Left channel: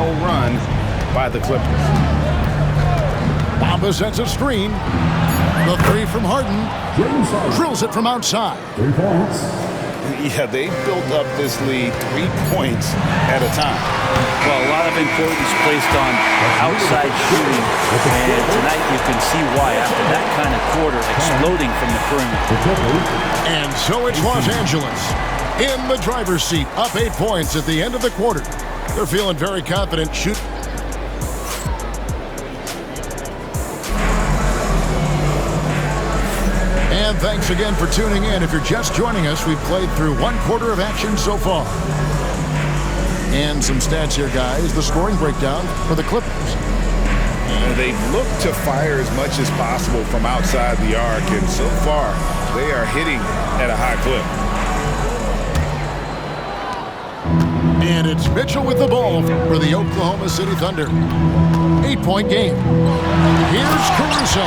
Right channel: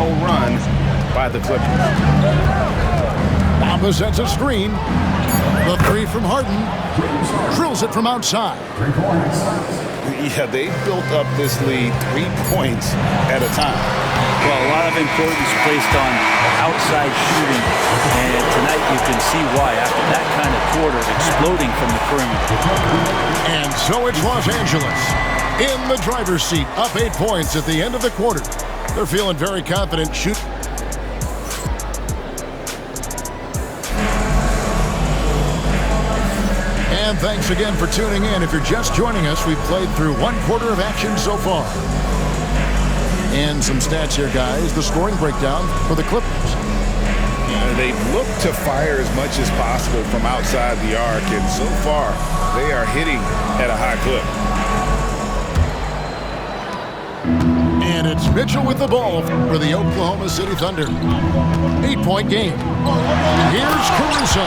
3-0 run by the Clippers. Bamba sets a screen. The three from Harden. Drills it from outside. 3 points. Yeah, they built up this lead 3 points at a time. Well, a lot of importance placed on outside shooting, and tonight you can see why after that kind of quarter exploding from the perimeter. And so it's Los Angeles in the driver's seat, up 8 points at the end of the quarter. They're feeling very confident. And thanks again for tuning in. If you're just joining us, we've played through 1 quarter of action so far. And some stats here, guys. The scoring breakdown for the Clippers. They look to fire as much as possible from outside the arc, and so far they are hitting at a high clip. And it's Mitchell with the ball for the Oklahoma City Thunder. 8-point game. Here's Caruso.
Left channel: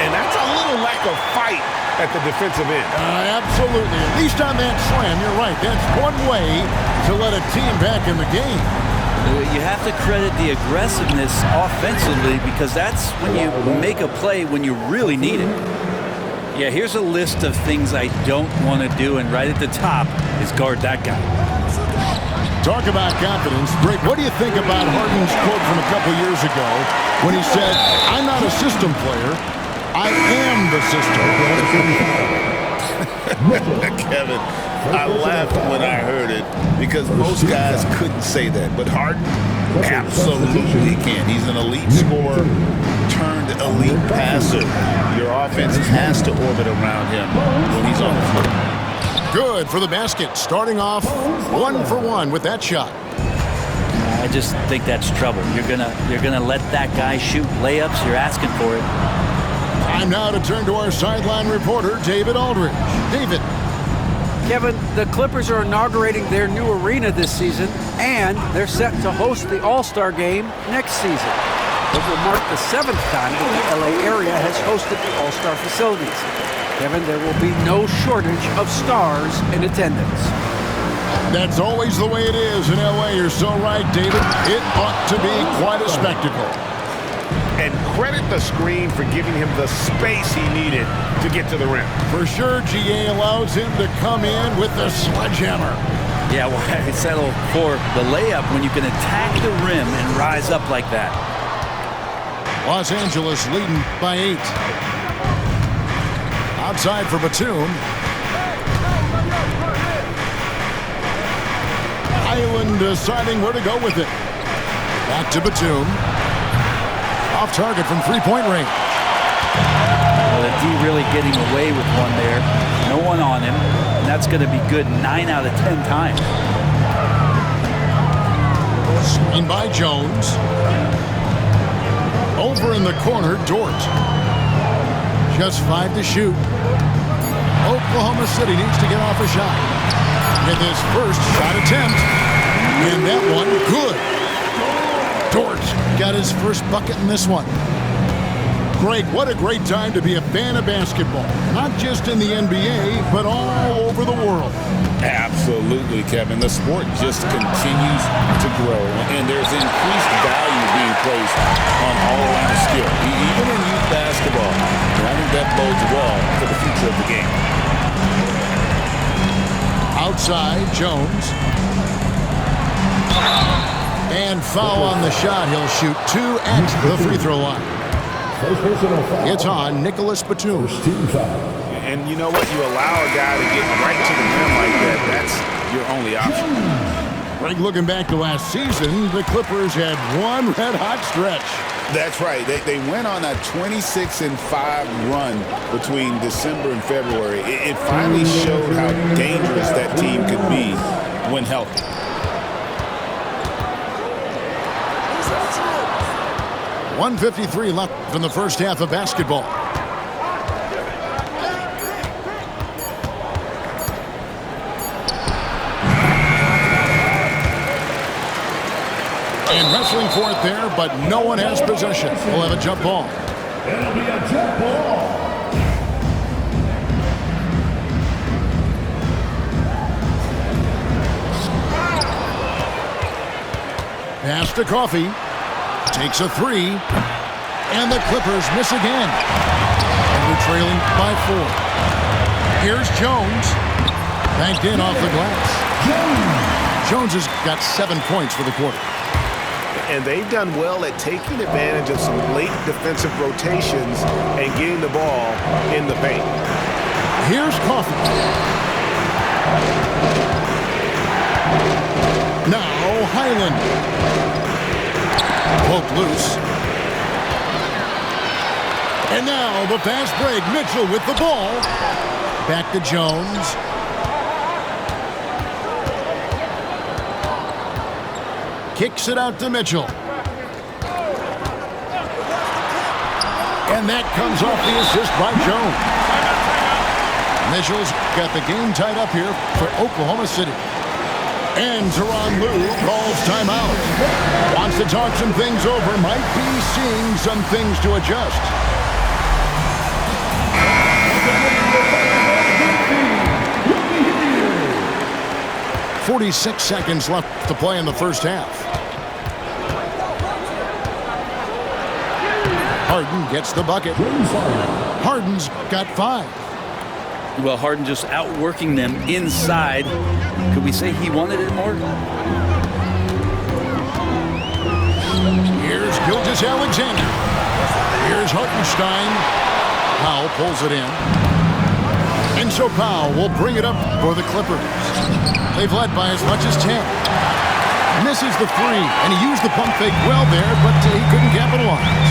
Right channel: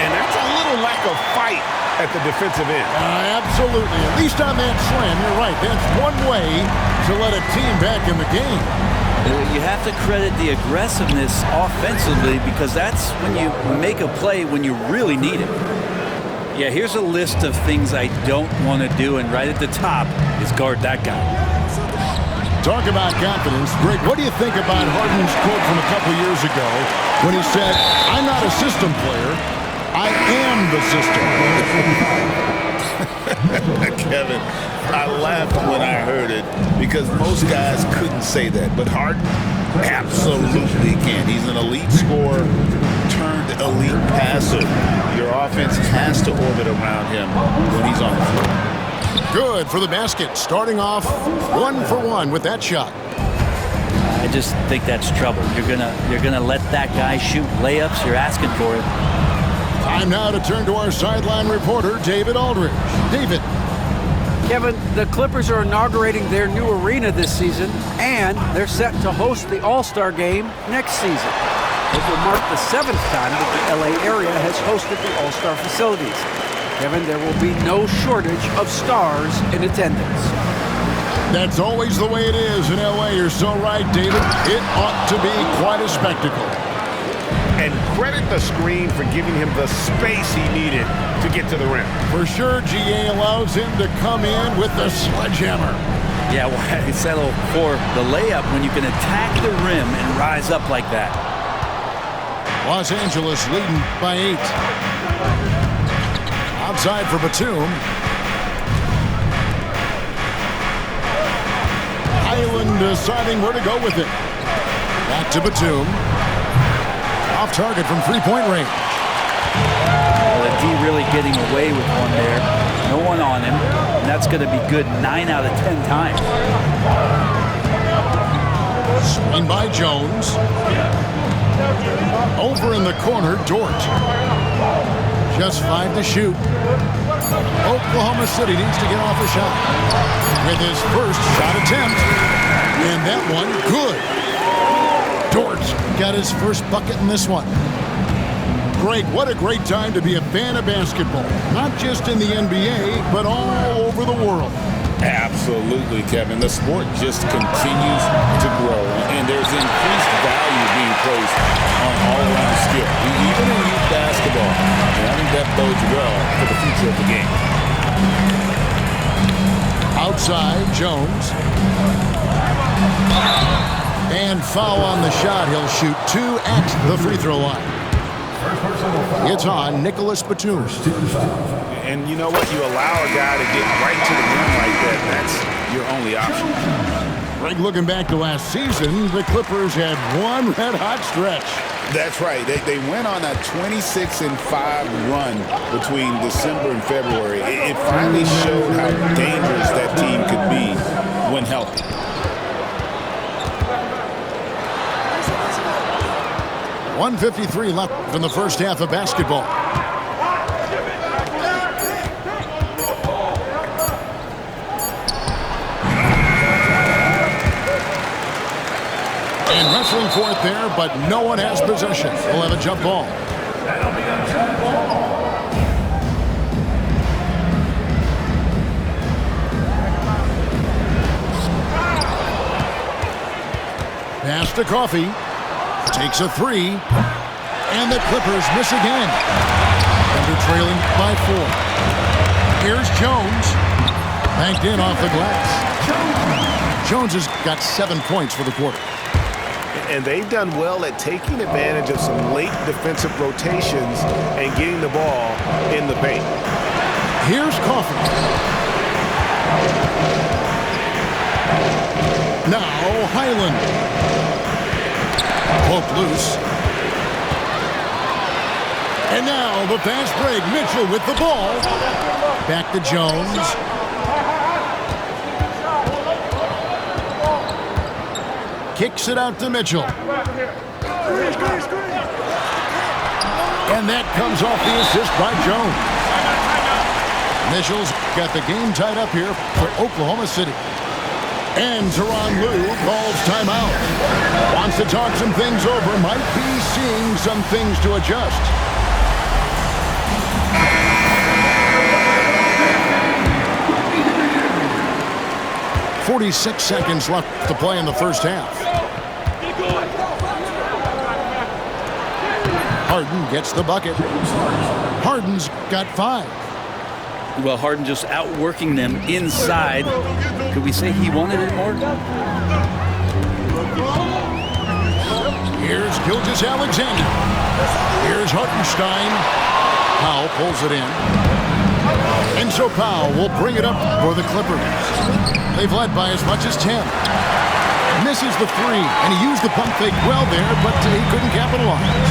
And that's a little lack of fight at the defensive end. Absolutely. At least on that slam, you're right. That's one way to let a team back in the game. You have to credit the aggressiveness offensively because that's when you make a play when you really need it. Yeah, here's a list of things I don't want to do, and right at the top is guard that guy. Talk about confidence. Greg, what do you think about Harden's quote from a couple years ago when he said, "I'm not a system player, I am the system"? Kevin, I laughed when I heard it because most guys couldn't say that, but Harden absolutely can. He's an elite scorer turned elite passer. Your offense has to orbit around him when he's on the floor. Good for the basket, starting off 1 for 1 with that shot. I just think that's trouble. You're gonna let that guy shoot layups. You're asking for it. Time now to turn to our sideline reporter, David Aldridge. David. Kevin, the Clippers are inaugurating their new arena this season, and they're set to host the All-Star Game next season. It will mark the 7th time that the LA area has hosted the All-Star facilities. Kevin, there will be no shortage of stars in attendance. That's always the way it is in LA. You're so right, David. It ought to be quite a spectacle. And credit the screen for giving him the space he needed to get to the rim. For sure, GA allows him to come in with the sledgehammer. Yeah, why settle for the layup when you can attack the rim and rise up like that? Los Angeles leading by 8. Outside for Batum. Highland deciding where to go with it. Back to Batum. Off target from 3-point range. Well, the D really getting away with one there. No one on him. And that's going to be good 9 out of 10 times. Screen by Jones. Over in the corner, Dort. Just 5 to shoot. Oklahoma City needs to get off a shot. With his first shot attempt. And that one, good. Dort got his first bucket in this one. Greg, what a great time to be a fan of basketball. Not just in the NBA, but all over the world. Absolutely, Kevin. The sport just continues to grow, and there's increased value being placed on all-around skill, even in youth basketball. And I think that bodes well for the future of the game. Outside, Jones. And foul on the shot. He'll shoot 2 at the free throw line. First personal foul. It's on Nicholas Batum. And you know what? You allow a guy to get right to the rim like that. That's your only option. Greg, looking back to last season, the Clippers had one red-hot stretch. That's right. They went on a 26-5 run between December and February. It finally showed how dangerous that team could be when healthy. .153 left in the first half of basketball. And wrestling for it there, but no one has possession. We'll have a jump ball. That'll be a jump ball. Pass to Coffey. Takes a three. And the Clippers miss again. And they're trailing by 4. Here's Jones. Banked in off the glass. Jones has got 7 points for the quarter. And they've done well at taking advantage of some late defensive rotations and getting the ball in the paint. Here's Coffey. Now Highland. Poked loose. And now the fast break. Mitchell with the ball. Back to Jones. Kicks it out to Mitchell. And that comes off the assist by Jones. Mitchell's got the game tied up here for Oklahoma City. And Tyronn Lue calls timeout. Wants to talk some things over. Might be seeing some things to adjust. "46 seconds left to play in the first half. Harden gets the bucket. Harden's got 5. Well, Harden just outworking them inside. Could we say he wanted it more? Here's Gilgeous-Alexander. Here's Hartenstein. Powell pulls it in. And so Powell will bring it up for the Clippers. They've led by as much as 10. Misses the 3, and he used the pump fake well there, but he couldn't capitalize.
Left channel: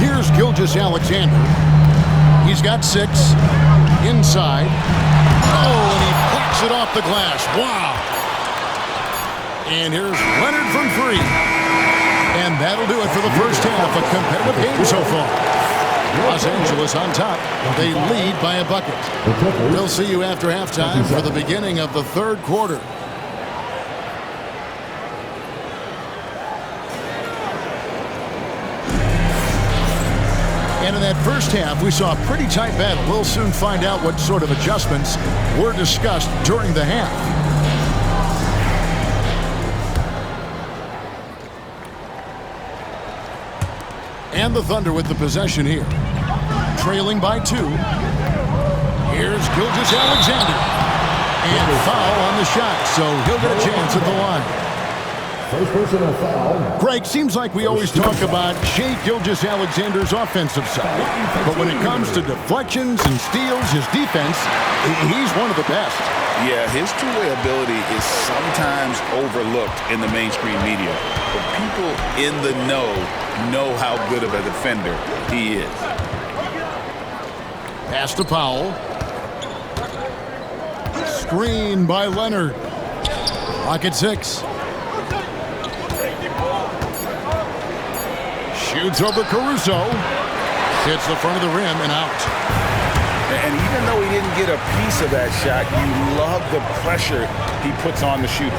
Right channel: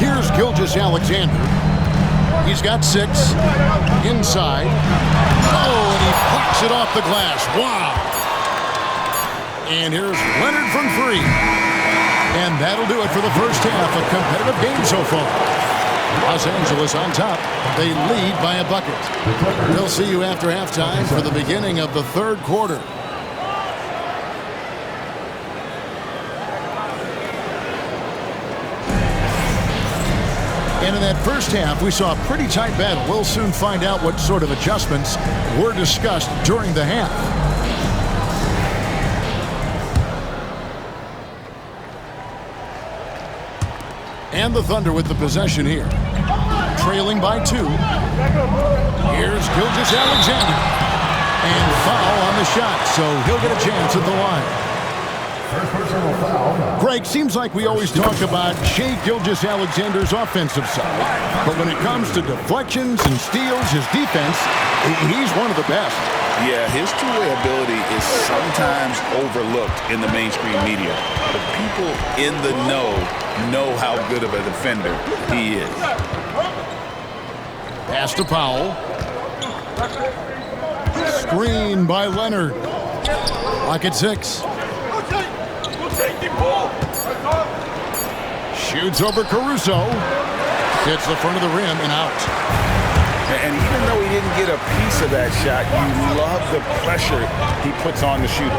Here's Gilgeous-Alexander. He's got 6. Inside. Oh, and he blocks it off the glass. Wow. And here's Leonard from 3. And that'll do it for the first half. A competitive game so far. Los Angeles on top. They lead by a bucket. We'll see you after halftime for the beginning of the third quarter. And in that first half, we saw a pretty tight battle. We'll soon find out what sort of adjustments were discussed during the half. And the Thunder with the possession here. Trailing by 2. Here's Gilgeous-Alexander. And foul on the shot, so he'll get a chance at the line. First personal foul. Greg, seems like we always talk about Shai Gilgeous-Alexander's offensive side, but when it comes to deflections and steals, his defense, he's one of the best. Yeah, his two-way ability is sometimes overlooked in the mainstream media, but people in the know how good of a defender he is. Pass to Powell. Screen by Leonard. Lock at 6. Shoots over Caruso. Hits the front of the rim and out. And even though he didn't get a piece of that shot, you love the pressure he puts on the shooter.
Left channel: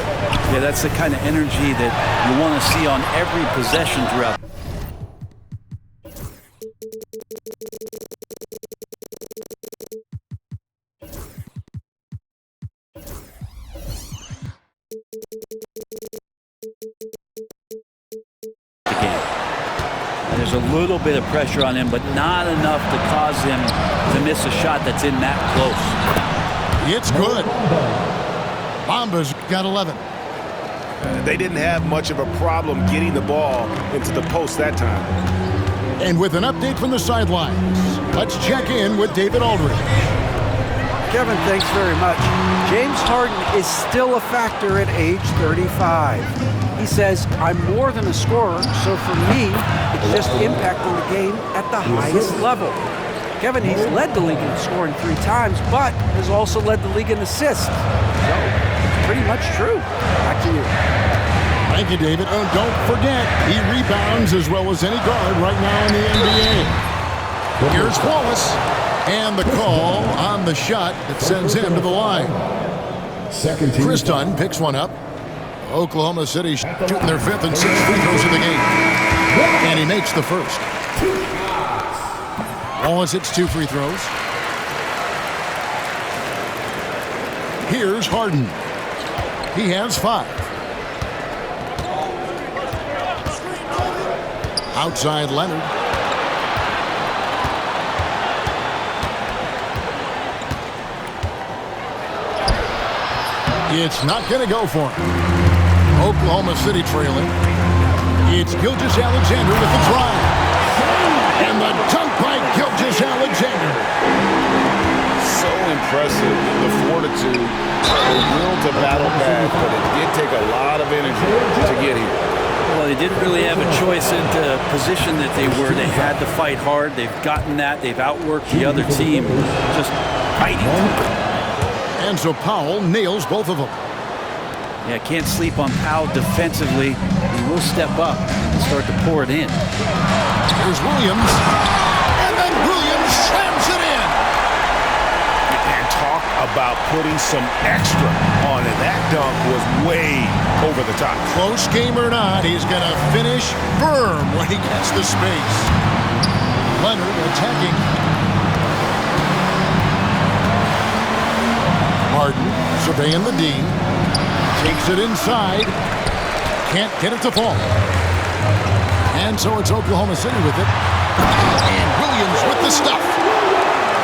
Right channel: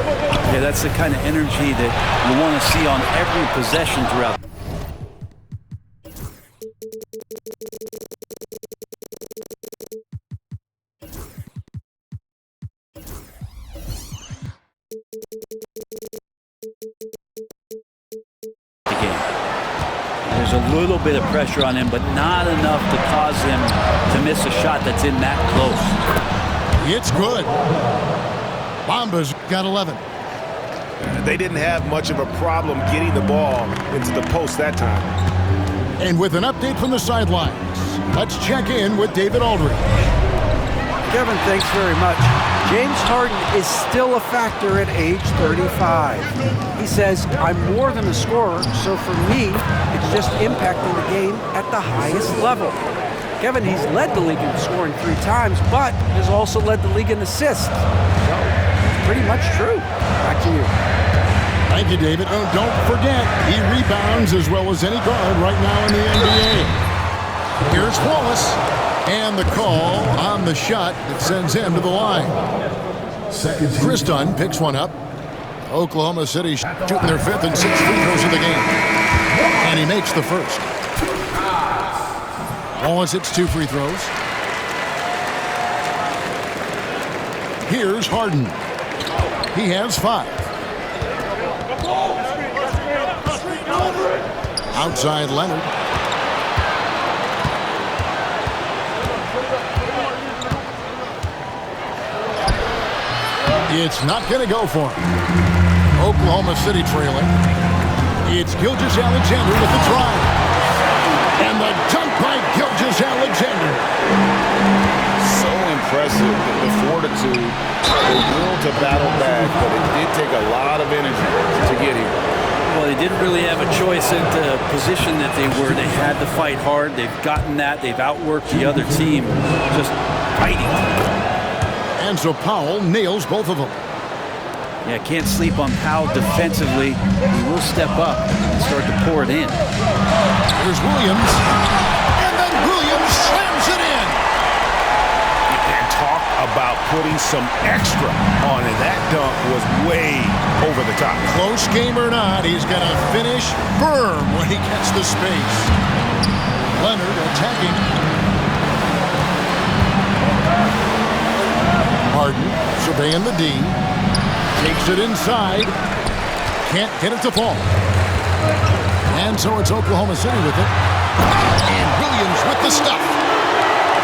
Yeah, that's the kind of energy that you want to see on every possession throughout. The game. And there's a little bit of pressure on him, but not enough to cause him to miss a shot that's in that close. It's good. Bamba's got 11. They didn't have much of a problem getting the ball into the post that time. And with an update from the sidelines, let's check in with David Aldridge. Kevin, thanks very much. James Harden is still a factor at age 35. He says, I'm more than a scorer, so for me, it's just impacting the game at the highest level. Kevin, he's led the league in scoring 3 times, but has also led the league in assists. So, it's pretty much true. Back to you. Thank you, David. Oh, don't forget, he rebounds as well as any guard right now in the NBA. Here's Wallace. And the call on the shot that sends him to the line. Chris Dunn picks one up. Oklahoma City shooting their 5th and 6th free throws of the game. And he makes the first. Wallace hits 2 free throws. Here's Harden. He has 5. Outside Leonard. It's not going to go for him. Oklahoma City trailing. It's Gilgeous-Alexander with the drive. And the dunk by Gilgeous-Alexander. So impressive, the fortitude, the will to battle back, but it did take a lot of energy to get here. Well, they didn't really have a choice in the position that they were. They had to fight hard. They've gotten that. They've outworked the other team, just fighting. And so Powell nails both of them. Yeah, can't sleep on Powell defensively. He will step up and start to pour it in. Here's Williams. And then Williams slams it in. And talk about putting some extra on it. That dunk was way over the top. Close game or not, he's going to finish firm when he gets the space. Leonard attacking. Harden surveying the D. Takes it inside. Can't get it to fall. And so it's Oklahoma City with it. And Williams with the stuff.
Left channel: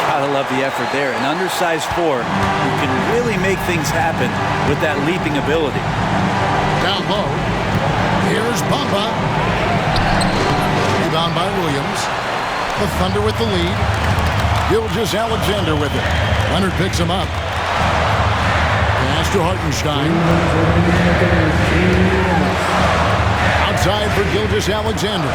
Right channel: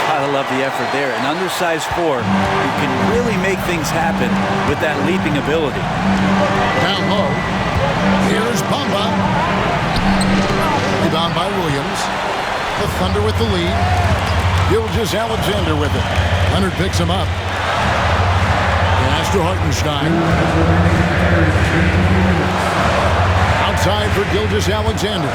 Gotta love the effort there. An undersized 4 who can really make things happen with that leaping ability. Down low. Here's Bamba. Rebound by Williams. The Thunder with the lead. Gilgeous-Alexander with it. Leonard picks him up. Pass to Hartenstein. Outside for Gilgeous-Alexander.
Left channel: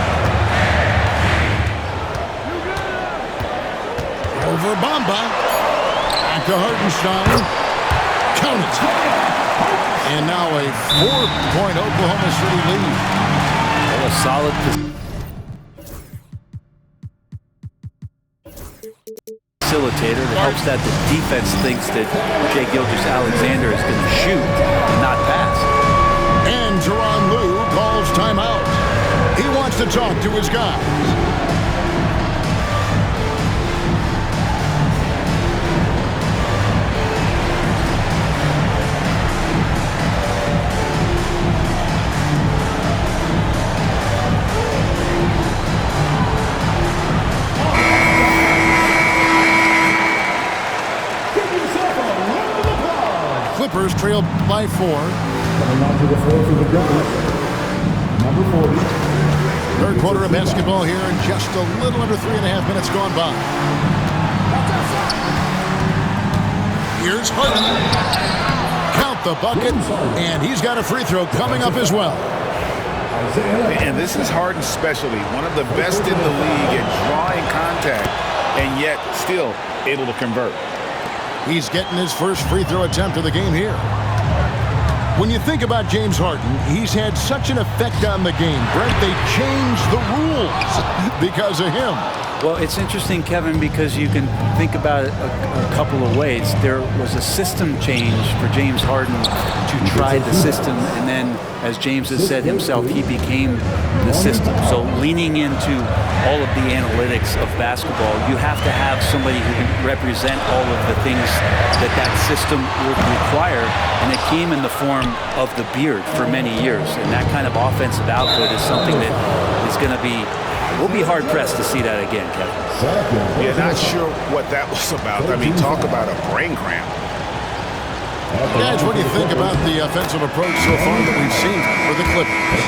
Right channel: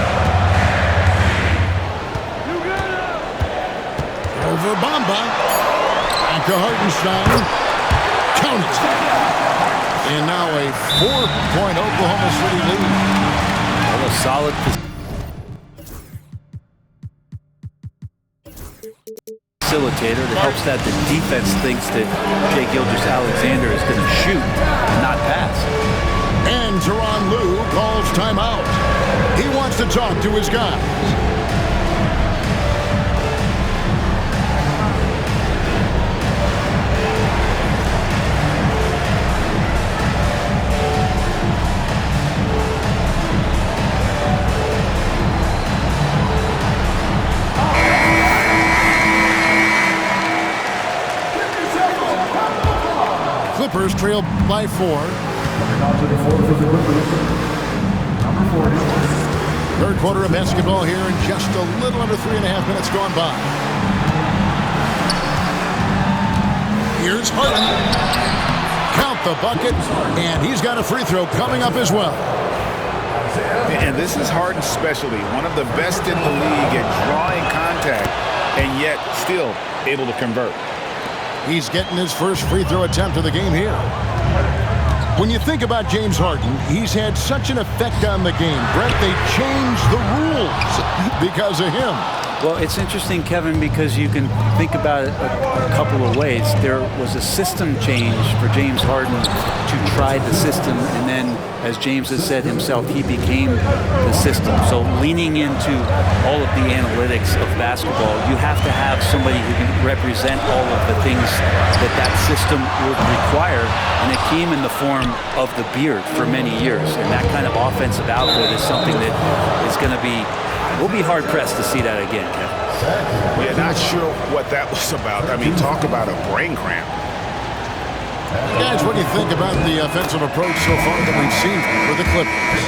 Over Bamba. Back to Hartenstein. Count it. And now a 4-point Oklahoma City lead. Well, a solid facilitator that helps that the defense thinks that Shai Gilgeous-Alexander is going to shoot and not pass. And Tyronn Lue calls timeout. He wants to talk to his guys. Clippers trail by 4. Coming onto the floor for the Clippers, number 40. Third quarter of basketball here, and just a little under 3.5 minutes gone by. Here's Harden. Count the bucket, and he's got a free throw coming up as well. And this is Harden's specialty, one of the best in the league at drawing contact, and yet still able to convert. He's getting his first free throw attempt of the game here. When you think about James Harden, he's had such an effect on the game. Brent, they changed the rules because of him. Well, it's interesting, Kevin, because you can think about it a couple of ways. There was a system change for James Harden to try the system, and then, as James has said himself, he became the system. So leaning into all of the analytics of basketball, you have to have somebody who can represent all of the things that that system would require, and it came in the form of the beard for many years. And that kind of offensive output is something that is going to be we'll be hard-pressed to see that again, Kevin. Yeah, not sure what that was about. I mean, talk about a brain cramp. Guys, what do you think about the offensive approach so far that we've seen for the Clippers?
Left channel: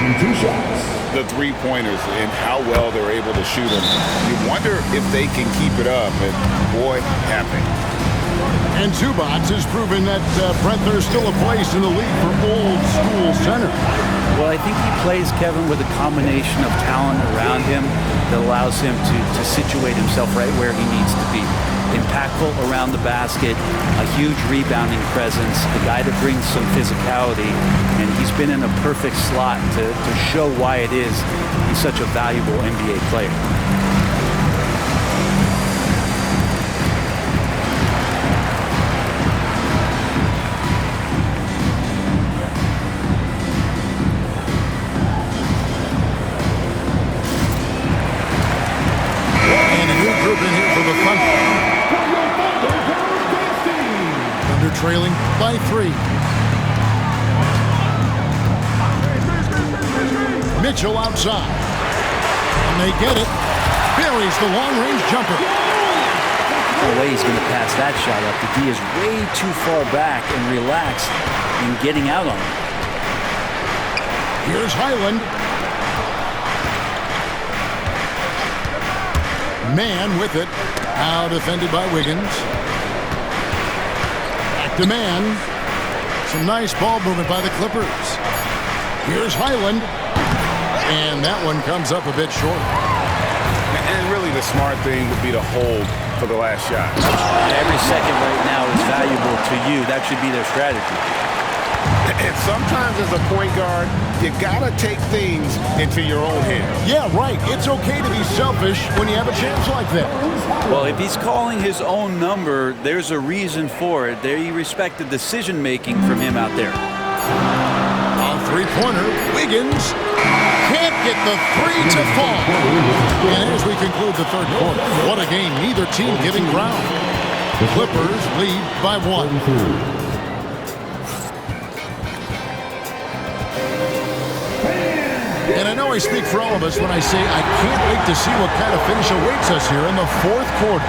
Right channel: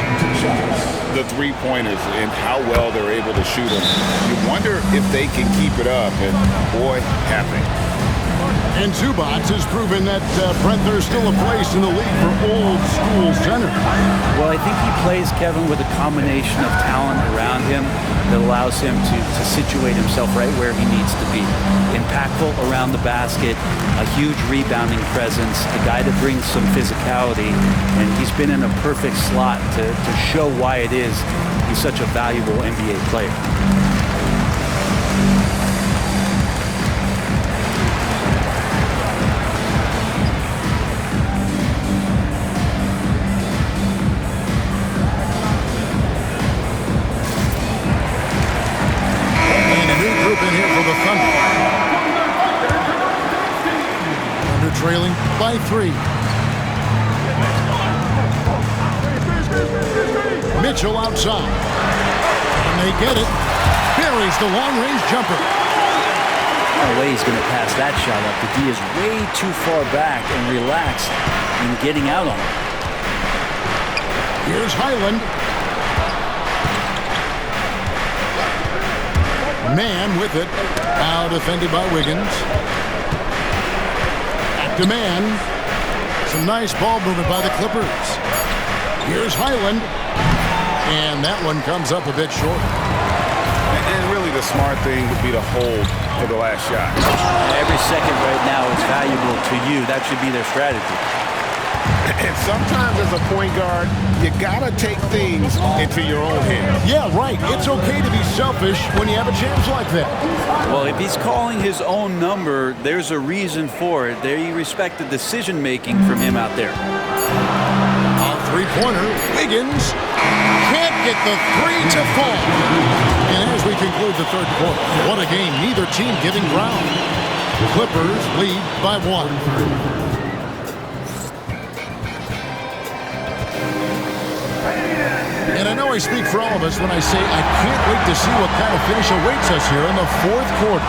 The three-pointers and how well they're able to shoot them. You wonder if they can keep it up, and boy, have they. And Zubac has proven that Brent, there's still a place in the league for old-school center. Well, I think he plays, Kevin, with a combination of talent around him that allows him to situate himself right where he needs to be. Impactful around the basket, a huge rebounding presence, a guy that brings some physicality, and he's been in a perfect slot to show why it is he's such a valuable NBA player. Trailing by 3. Mitchell outside. And they get it. Buries the long-range jumper. No way he's going to pass that shot up. The D is way too far back and relaxed in getting out on him. Here's Highland. Man with it. Now defended by Wiggins. Back to man. Some nice ball movement by the Clippers. Here's Highland. And that one comes up a bit short. And really the smart thing would be to hold for the last shot. Every second right now is valuable to you. That should be their strategy. And sometimes as a point guard, you gotta take things into your own hands. Yeah, right. It's okay to be selfish when you have a chance like that. Well, if he's calling his own number, there's a reason for it. They respect the decision-making from him out there. A three-pointer. Wiggins can't get the three to fall. And as we conclude the third quarter, what a game. Neither team giving ground. The Clippers lead by 1. And I know I speak for all of us when I say I can't wait to see what kind of finish awaits us here in the fourth quarter.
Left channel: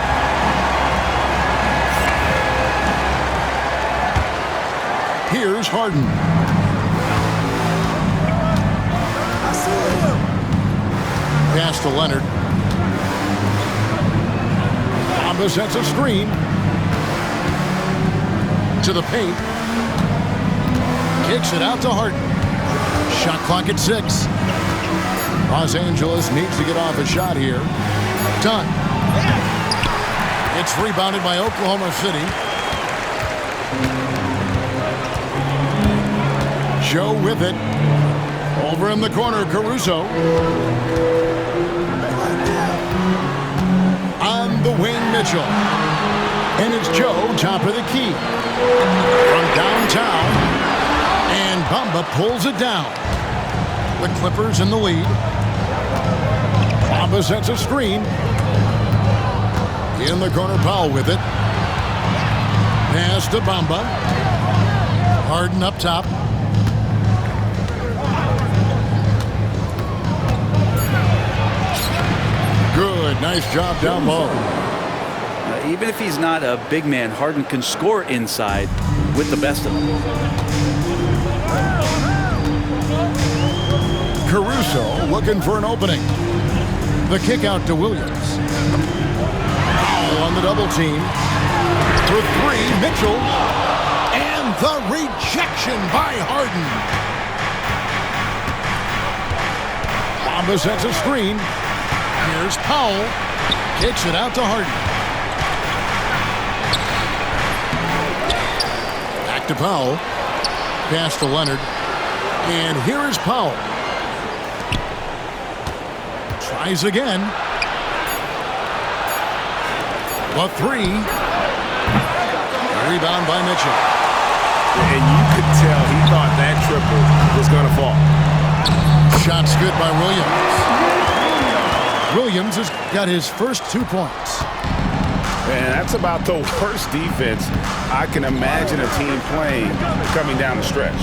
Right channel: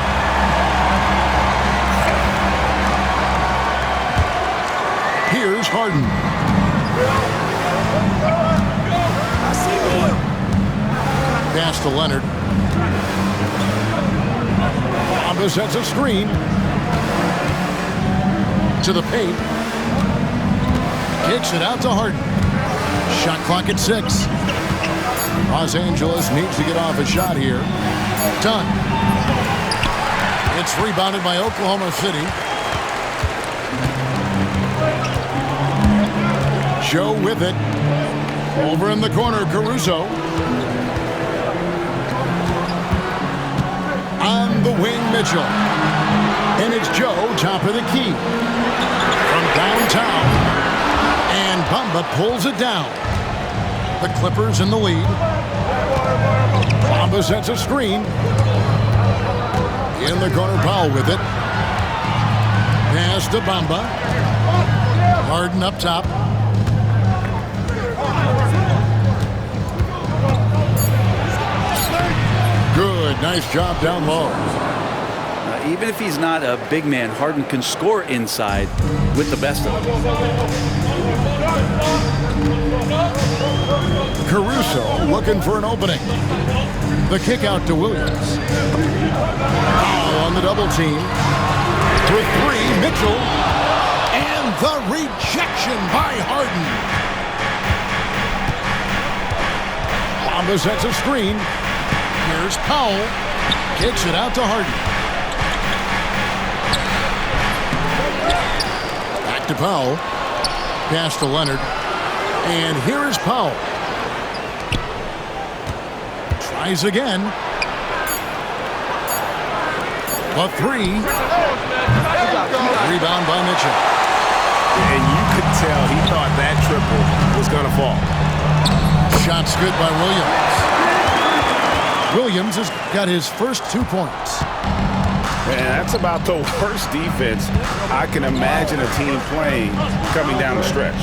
Here's Harden. Pass to Leonard. Bamba sets a screen. To the paint. Kicks it out to Harden. Shot clock at 6. Los Angeles needs to get off a shot here. Done. It's rebounded by Oklahoma City. Joe with it. Over in the corner, Caruso. On the wing, Mitchell. And it's Joe, top of the key. From downtown. And Bamba pulls it down. The Clippers in the lead. Bamba sets a screen. In the corner, Powell with it. Pass to Bamba. Harden up top. Good, nice job down low. Even if he's not a big man, Harden can score inside with the best of them. Caruso looking for an opening. The kick out to Williams. Powell on the double team. For three, Mitchell. And the rejection by Harden. Bamba sets a screen. Here's Powell. Kicks it out to Harden. Back to Powell. Pass to Leonard. And here is Powell. Tries again. The three. Rebound by Mitchell. And you could tell he thought that triple was going to fall. Shots good by Williams. Williams has got his first 2 points. And that's about the worst defense I can imagine a team playing coming down the stretch.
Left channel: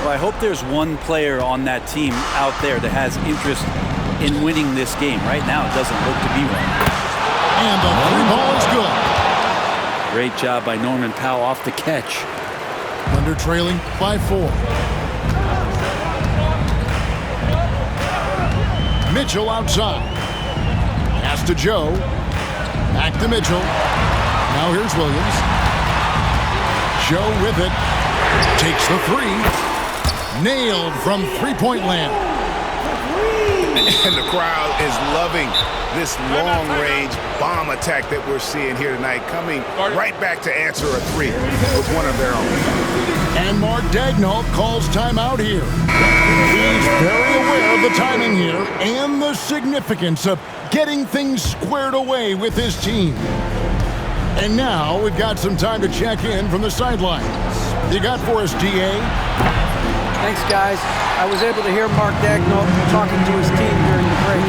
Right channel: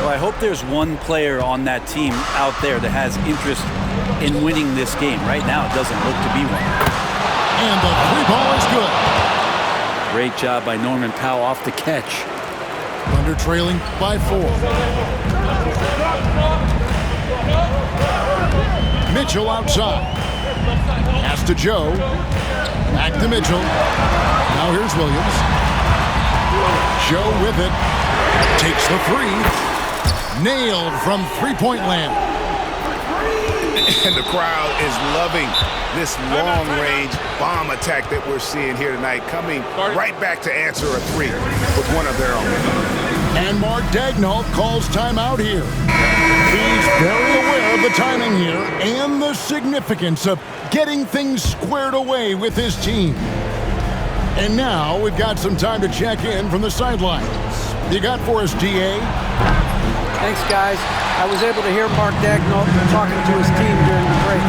Well, I hope there's one player on that team out there that has interest in winning this game. Right now, it doesn't look to be one. And the three ball is good. Great job by Norman Powell off the catch. Thunder trailing by 4. Mitchell outside. Pass to Joe. Back to Mitchell. Now here's Williams. Joe with it. Takes the three. Nailed from three-point land. And the crowd is loving this long-range bomb attack that we're seeing here tonight, coming right back to answer a three with one of their own. And Mark Daigneault calls timeout here. He's very aware of the timing here and the significance of getting things squared away with his team. And now we've got some time to check in from the sidelines. You got for us, DA? Thanks, guys. I was able to hear Mark Daigneault talking to his team during the break.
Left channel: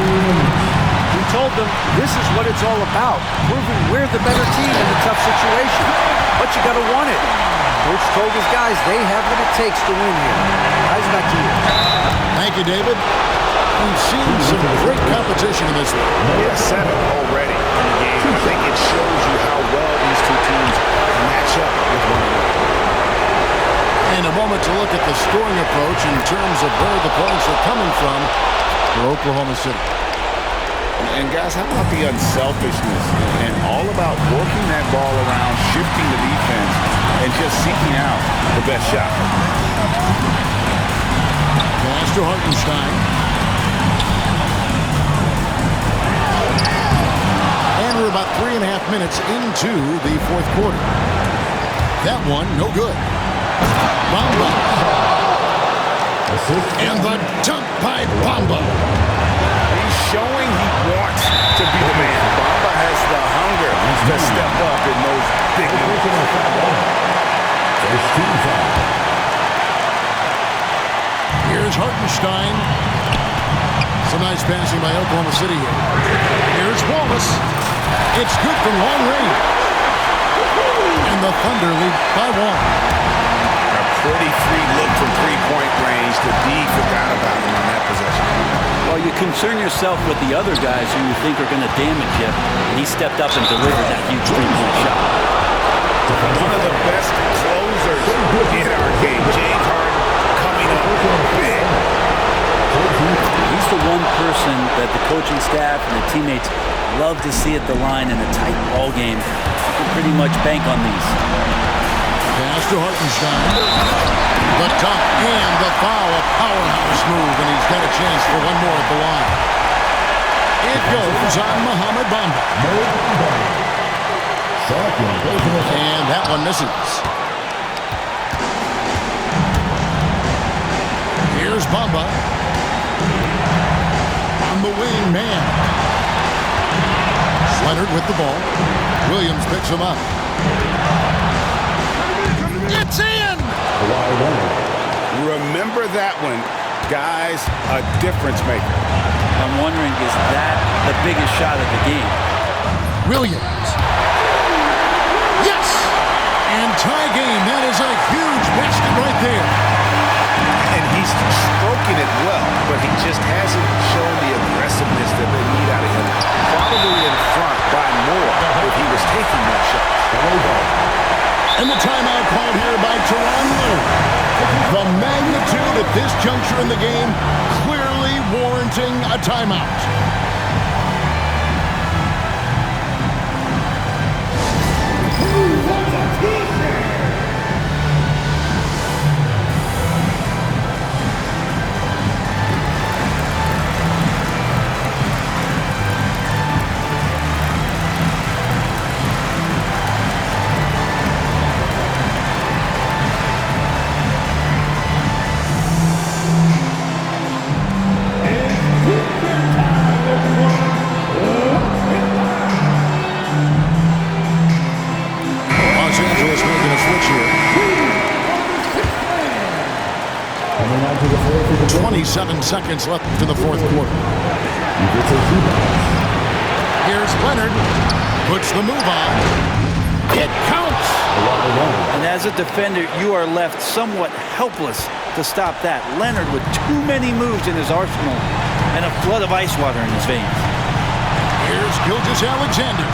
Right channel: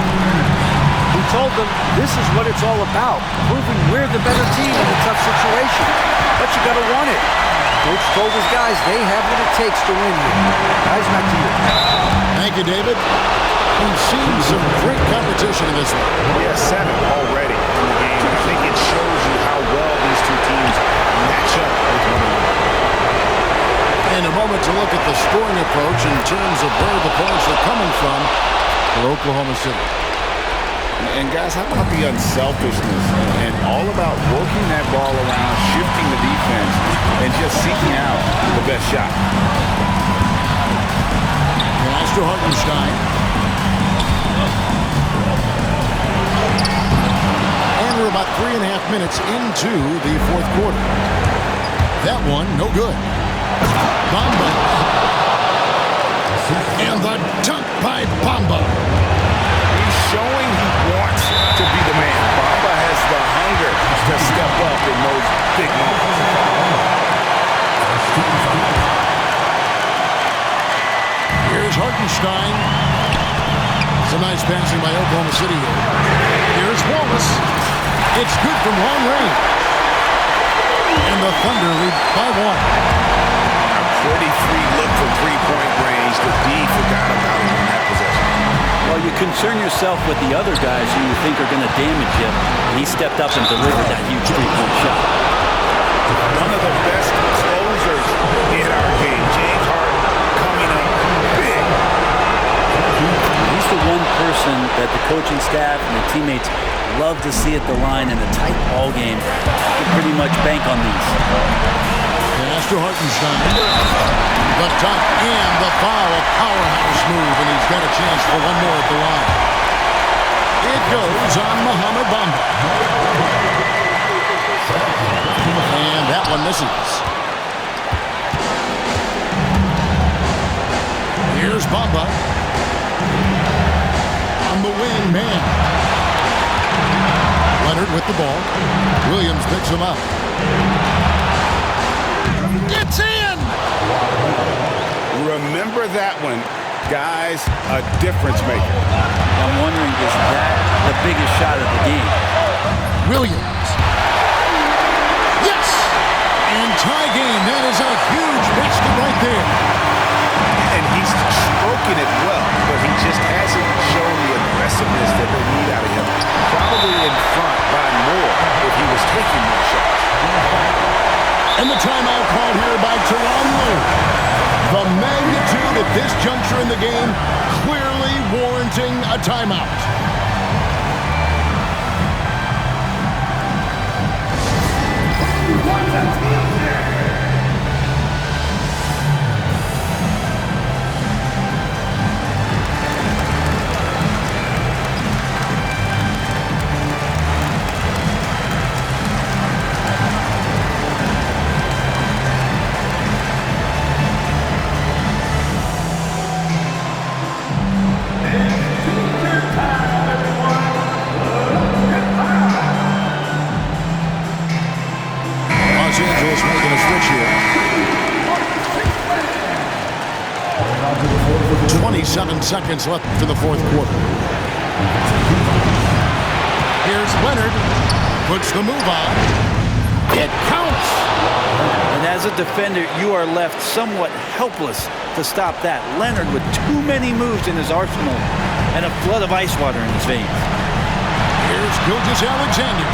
He told them this is what it's all about, proving we're the better team in a tough situation. But you got to want it. Coach told his guys they have what it takes to win here. Guys, back to you. Thank you, David. We've seen some great competition in this one. Yeah, 7 already in the game, and I think it shows you how well these two teams match up with one another. In a moment to look at the scoring approach in terms of where the points are coming from for Oklahoma City. And guys, how about the unselfishness and all about working that ball around, shifting the defense, and just seeking out the best shot. Pass to Hartenstein. And we're about 3.5 minutes into the fourth quarter. That one, no good. Bamba. And the dunk by Bamba. He's showing he wants to be the man. Bamba has the hunger to step up in those big moments. Here's Hartenstein. Some nice passing by Oklahoma City here. Here's Wallace. It's good from long range. And the Thunder lead by 1. A pretty free look from three-point range. The D forgot about him on that possession. Well, you concern yourself with the other guys who you think are going to damage you, and he stepped up and delivered that huge three-point shot. One of the best closers in our game. James Harden coming up big. He's the one person that the coaching staff and the teammates love to see at the line in a tight ball game. You can pretty much bank on these. Pass to Hartenstein. The dunk and the foul, a powerhouse move, and he's got a chance for one more at the line. It goes on Mohamed Bamba. And that one misses. Here's Bamba. On the wing, man. Leonard with the ball. Williams picks him up. It's in! Remember that one, guys, a difference maker. I'm wondering, is that the biggest shot of the game? Williams. Yes! And tie game. That is a huge basket right there. And he's stroking it well, but he just hasn't shown the aggressiveness that they need out of him. Probably in front by more if he was taking more shots. And the timeout called here by Tyronn Lue. The magnitude at this juncture in the game clearly warranting a timeout. Los Angeles making a switch here. 27 seconds left in the fourth quarter. Here's Leonard. Puts the move on. It counts. And as a defender, you are left somewhat helpless to stop that. Leonard with too many moves in his arsenal and a flood of ice water in his veins. Here's Gilgeous-Alexander.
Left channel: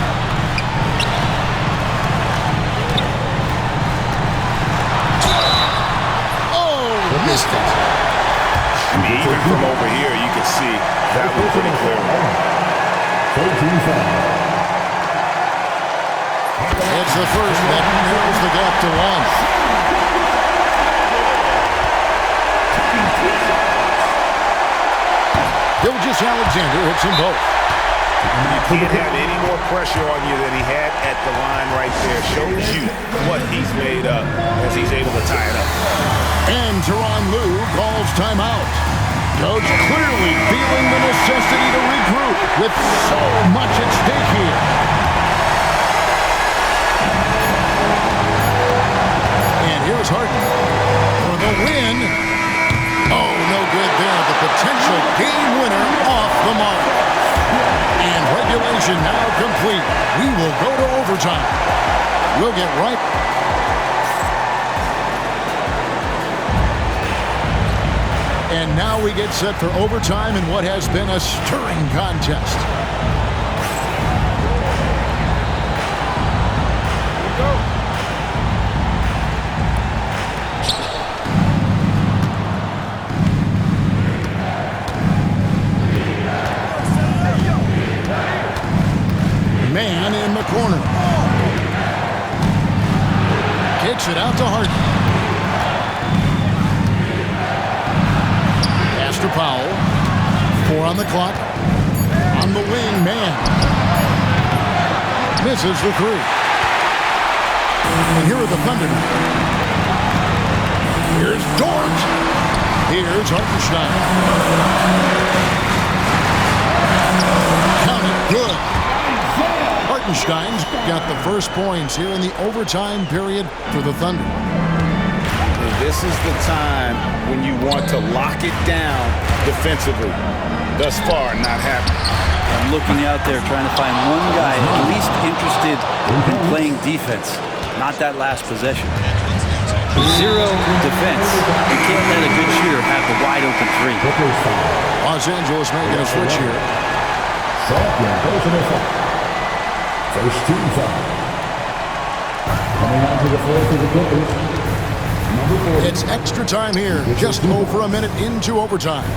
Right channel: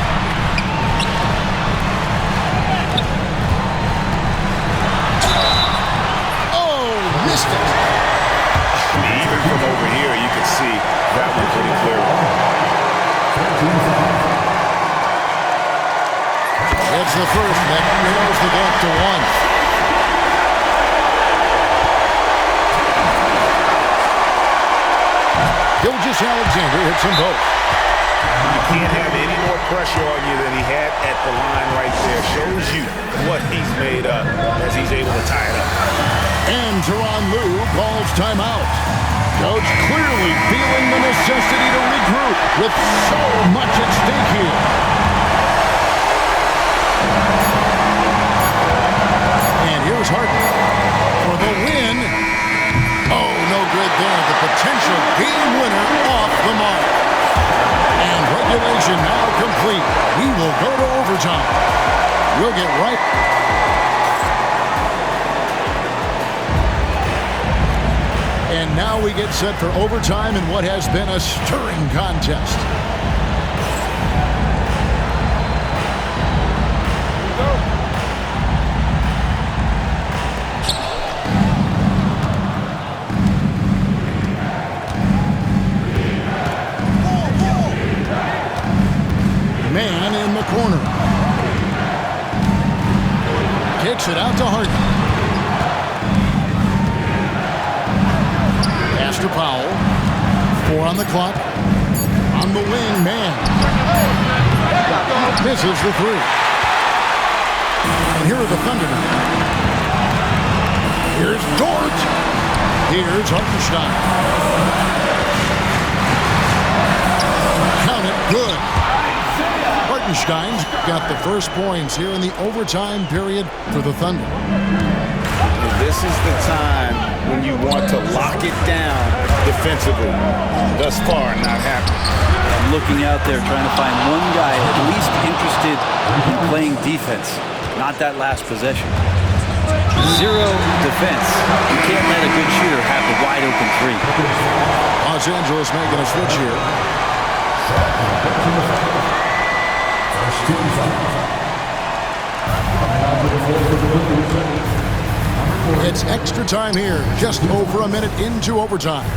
Missed it. I mean, even from over here, you could see that one pretty clearly. It's the first that narrows the gap to 1. Gilgeous-Alexander hits them both. You can't have any more pressure on you than he had at the line right there. Shows you what he's made up as he's able to tie it up. And Tyronn Lue calls timeout. Coach clearly feeling the necessity to regroup with so much at stake here. And here's Harden for the win. Oh, no good there. The potential game winner off the mark. And regulation now complete. We will go to overtime. We'll get right. And now we get set for overtime in what has been a stirring contest. Man in the corner. Kicks it out to Harden. Pass to Powell. 4 on the clock. On the wing, man. Misses the 3. And here are the Thunder now. Here's Dort. Here's Hartenstein. Count it, good. Hartenstein's got the first points here in the overtime period for the Thunder. And this is the time when you want to lock it down defensively. Thus far, not happening. I'm looking out there trying to find one guy at least interested in playing defense, not that last possession. 0 defense. You can't let a good shooter have the wide open 3. Los Angeles making a switch here. First team foul. Coming onto the floor for the Clippers. Number 4. It's extra time here, just over a minute into overtime.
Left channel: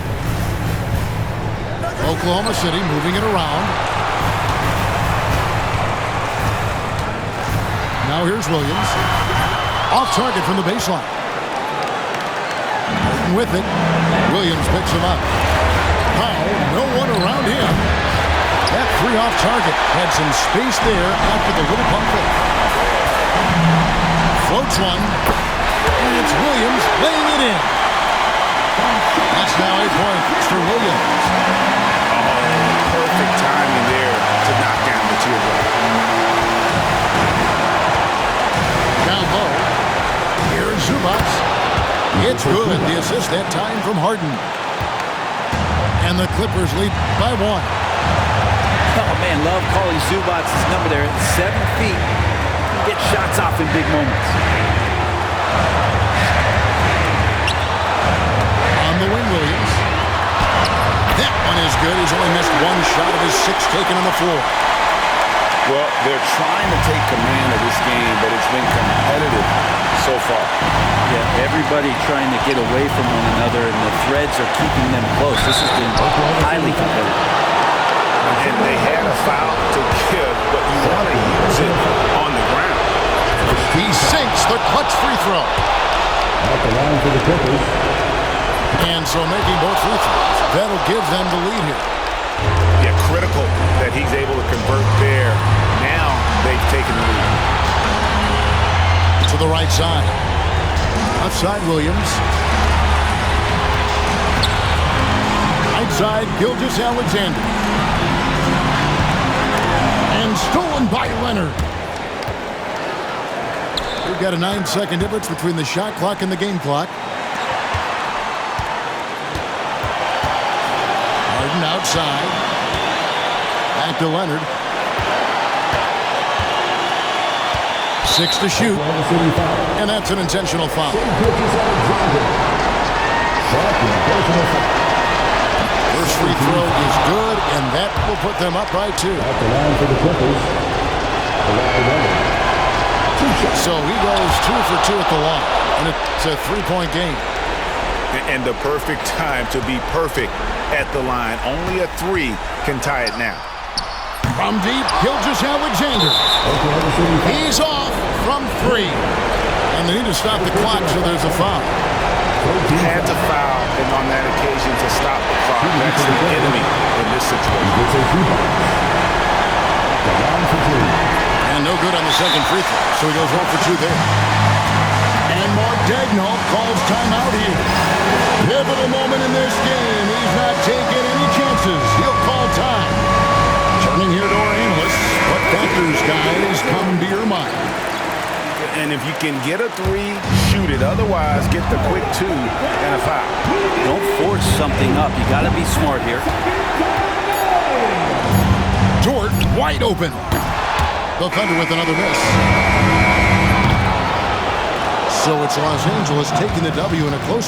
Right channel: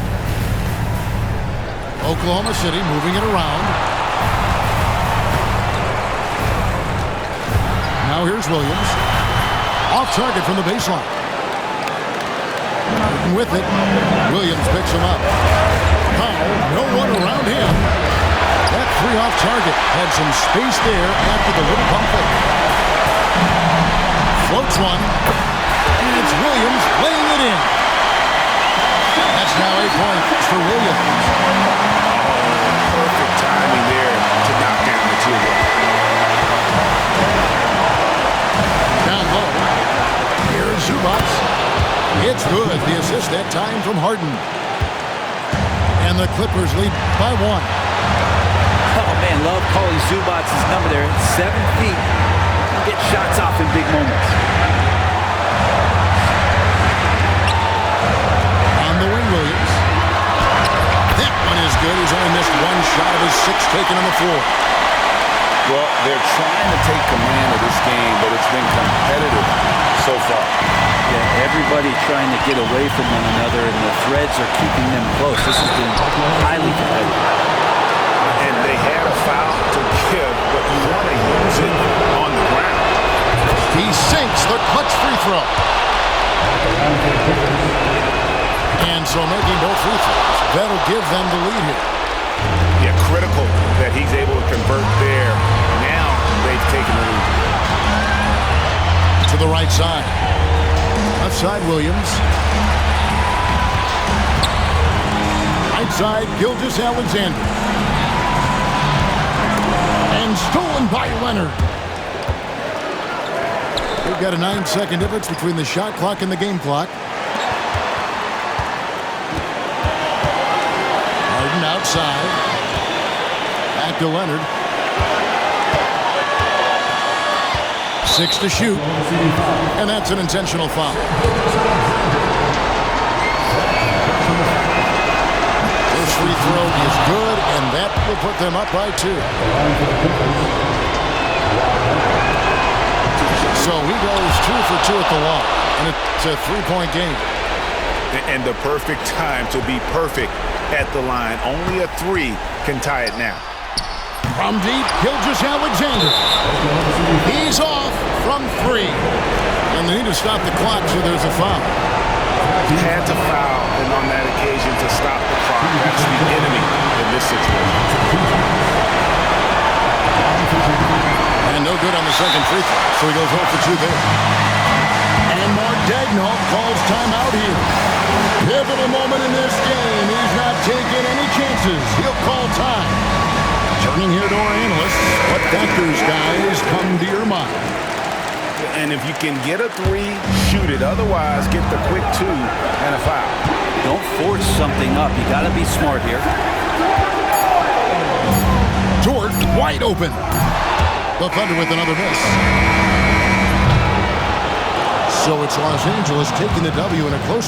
Oklahoma City moving it around. Now here's Williams. Off target from the baseline. Harden with it. Williams picks him up. Powell, no one around him. That 3 off target had some space there after the little pump fake. Floats one. And it's Williams laying it in. That's now 8 points for Williams. Oh, perfect timing there to knock down the teardrop. Down low. Here's Zubac. It's good. The assist that time from Harden. And the Clippers lead by 1. Oh, man, love calling Zubac's number there. At 7 feet, you can get shots off in big moments. On the wing, Williams. That one is good. He's only missed 1 shot of his 6 taken on the floor. Well, they're trying to take command of this game, but it's been competitive so far. Yeah, everybody trying to get away from one another, and the threads are keeping them close. This has been highly competitive. And they had a foul to give, but you want to use it on the ground. He sinks the clutch free throw. At the line for the Clippers. And so making both free throws. That'll give them the lead here. Yeah, critical that he's able to convert there. Now they've taken the lead. To the right side. Left side, Williams. Right side, Gilgeous-Alexander. And stolen by Leonard. We've got a 9-second difference between the shot clock and the game clock. Harden outside. Back to Leonard. 6 to shoot. And that's an intentional foul. First free throw is good, and that will put them up by 2. So he goes 2 for 2 at the line, and it's a 3-point game. And the perfect time to be perfect at the line. Only a 3 can tie it now. From deep, Gilgeous-Alexander. He's off from 3. And they need to stop the clock, so there's a foul. Had to foul, and on that occasion to stop the clock. That's the enemy in this situation. And no good on the second free throw, so he goes 0 for 2 there. And Mark Daigneault calls timeout here. Pivotal moment in this game. He's not taking any chances. He'll call time. Turning here to our analysts, what factors, guys, come to your mind? And if you can get a 3, shoot it. Otherwise, get the quick 2 and a foul. Don't force something up. You got to be smart here. Dort wide open. The Thunder with another miss. So it's Los Angeles taking the W in a close